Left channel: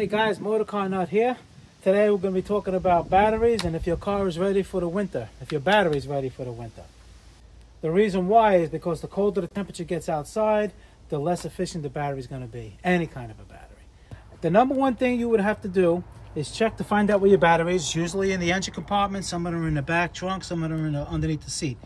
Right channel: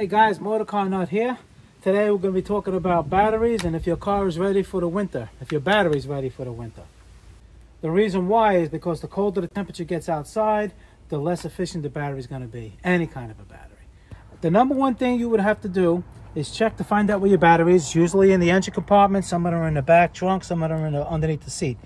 Hey guys, Motor Car Nut here. Today we're going to be talking about batteries and if your car is ready for the winter, if your battery is ready for the winter. The reason why is because the colder the temperature gets outside, the less efficient the battery is going to be, any kind of a battery. The number one thing you would have to do is check to find out where your battery is, usually in the engine compartment, some of them are in the back trunk, some of them are underneath the seat.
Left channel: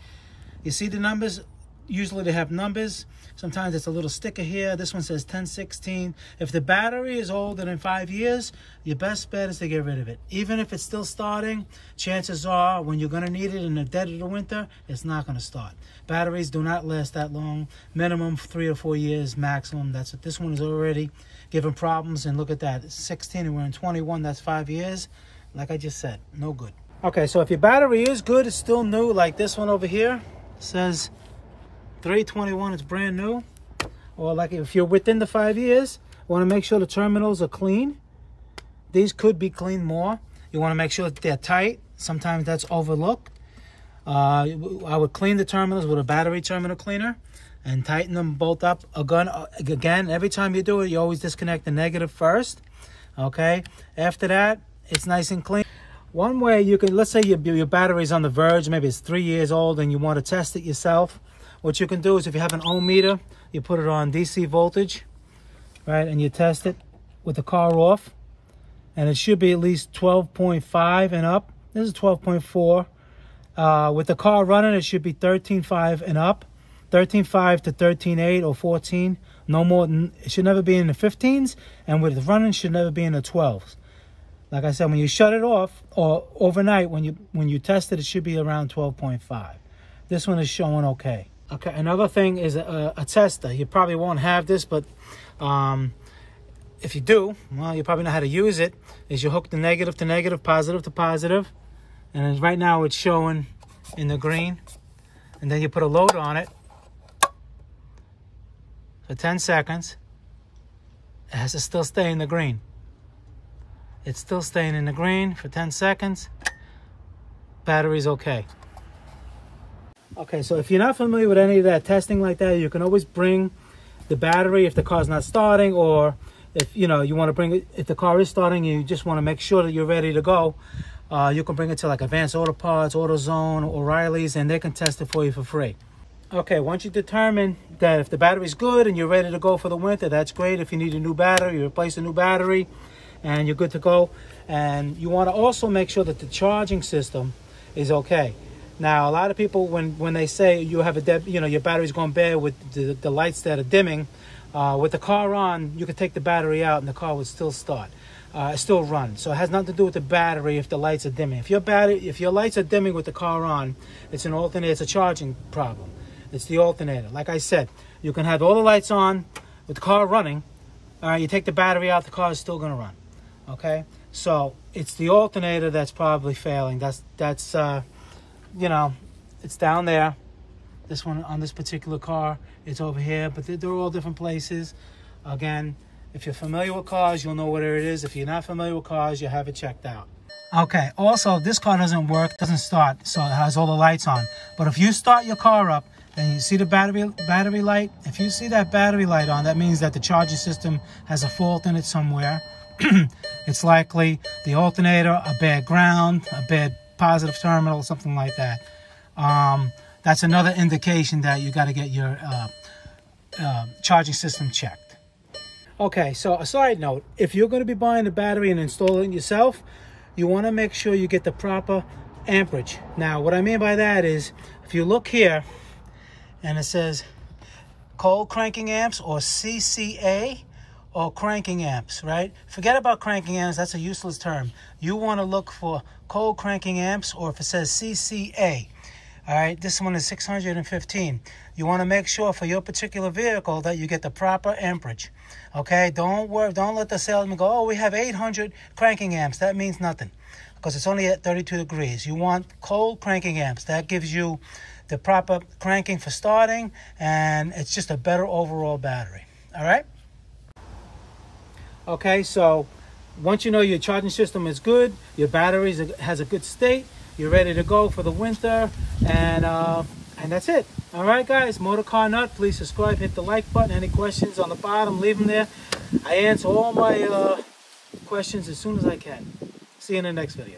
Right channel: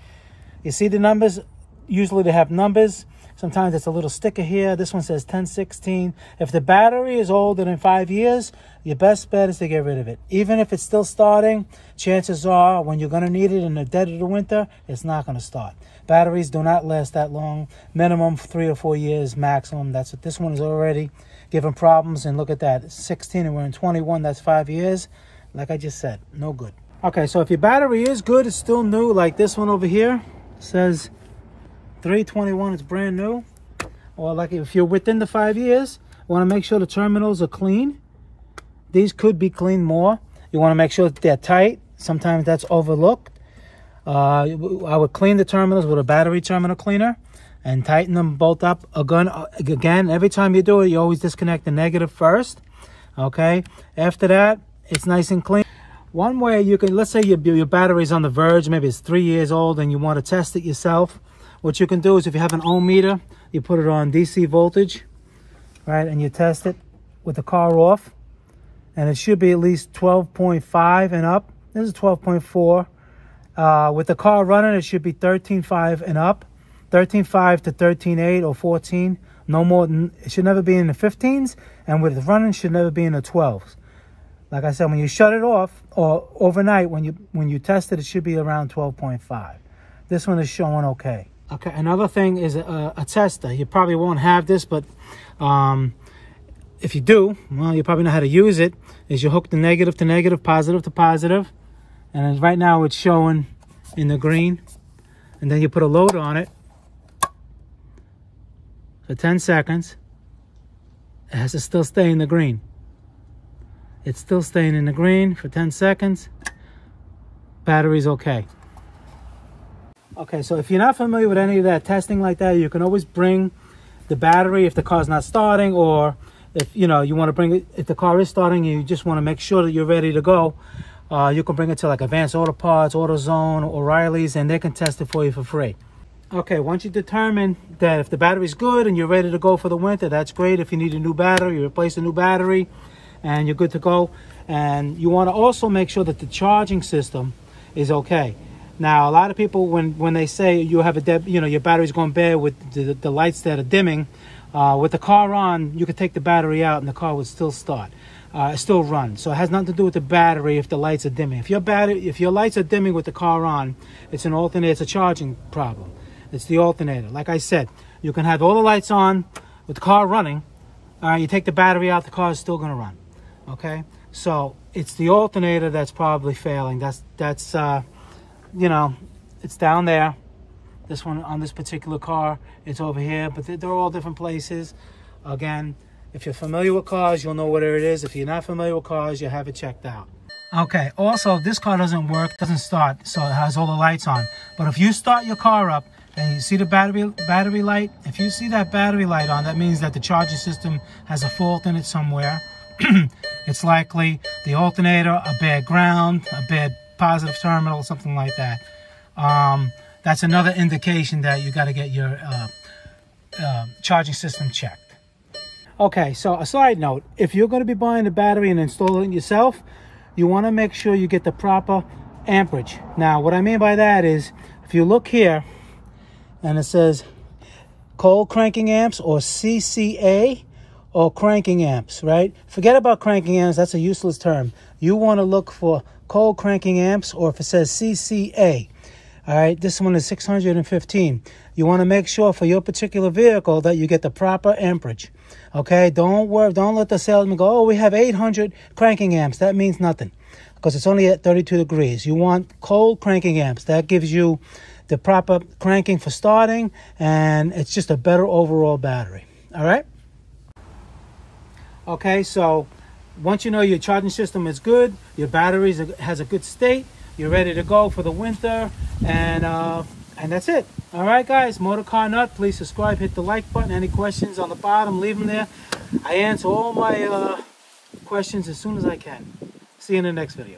You see the numbers? Usually they have numbers. Sometimes it's a little sticker here. This one says 1016. If the battery is older than 5 years, your best bet is to get rid of it. Even if it's still starting, chances are when you're going to need it in the dead of the winter, it's not going to start. Batteries do not last that long. Minimum 3 or 4 years maximum. That's what this one is already giving problems. And look at that, it's 16 and we're in 21. That's 5 years. Like I just said, no good. Okay, so if your battery is good, it's still new, like this one over here, it says 321, it's brand new. Or like if you're within the 5 years, you want to make sure the terminals are clean. These could be cleaned more. You want to make sure that they're tight. Sometimes that's overlooked. I would clean the terminals with a battery terminal cleaner and tighten them both up. Again, every time you do it, you always disconnect the negative first. Okay, after that, it's nice and clean. One way you can, let's say your battery's on the verge, maybe it's 3 years old and you want to test it yourself. What you can do is if you have an ohm meter, you put it on DC voltage, right? And you test it with the car off. And it should be at least 12.5 and up. This is 12.4. With the car running, it should be 13.5 and up. 13.5 to 13.8 or 14. No more, it should never be in the 15s. And with the running, it should never be in the 12s. Like I said, when you shut it off, or overnight, when you test it, it should be around 12.5. This one is showing okay. Okay, another thing is a tester. You probably won't have this, but if you do, well, you probably know how to use it. Is you hook the negative to negative, positive to positive, and right now it's showing in the green. And then you put a load on it for 10 seconds. It has to still stay in the green. It's still staying in the green for 10 seconds. Battery's okay. Okay, so if you're not familiar with any of that testing like that, you can always bring the battery if the car's not starting, or if you want to bring it, if the car is starting, you just want to make sure that you're ready to go. You can bring it to like Advanced Auto Parts, AutoZone, O'Reilly's, and they can test it for you for free. Okay, once you determine that if the battery's good and you're ready to go for the winter, that's great. If you need a new battery, you replace a new battery and you're good to go. And you want to also make sure that the charging system is okay. Now, a lot of people, when they say you have your battery's going bad with the lights that are dimming, with the car on, you could take the battery out and the car would still start, still run. So it has nothing to do with the battery if the lights are dimming. If your lights are dimming with the car on, it's an alternator. It's a charging problem. It's the alternator. Like I said, you can have all the lights on with the car running. You take the battery out, the car is still going to run. Okay, so it's the alternator that's probably failing. That's it's down there. This one on this particular car, it's over here, but they're all different places. Again, if you're familiar with cars, you'll know where it is. If you're not familiar with cars, you have it checked out. Okay, also, this car doesn't work, doesn't start, so it has all the lights on. But if you start your car up, and you see the battery light, if you see that battery light on, that means that the charging system has a fault in it somewhere. It's likely the alternator, a bad ground, a bad positive terminal, something like that. That's another indication that you got to get your charging system checked. Okay, so a side note, if you're going to be buying a battery and installing it yourself, you want to make sure you get the proper amperage. Now, what I mean by that is, if you look here, and it says cold cranking amps or CCA or cranking amps, right? Forget about cranking amps, that's a useless term. You want to look for cold cranking amps, or if it says CCA. All right, this one is 615. You want to make sure for your particular vehicle that you get the proper amperage. Okay, don't let the salesman go, oh, we have 800 cranking amps. That means nothing, because it's only at 32 degrees. You want cold cranking amps. That gives you the proper cranking for starting, and it's just a better overall battery. All right? Okay, so once you know your charging system is good, your battery has a good state, you're ready to go for the winter, and that's it. All right, guys, Motor Car Nut, please subscribe, hit the like button. Any questions on the bottom, leave them there. I answer all my questions as soon as I can. See you in the next video.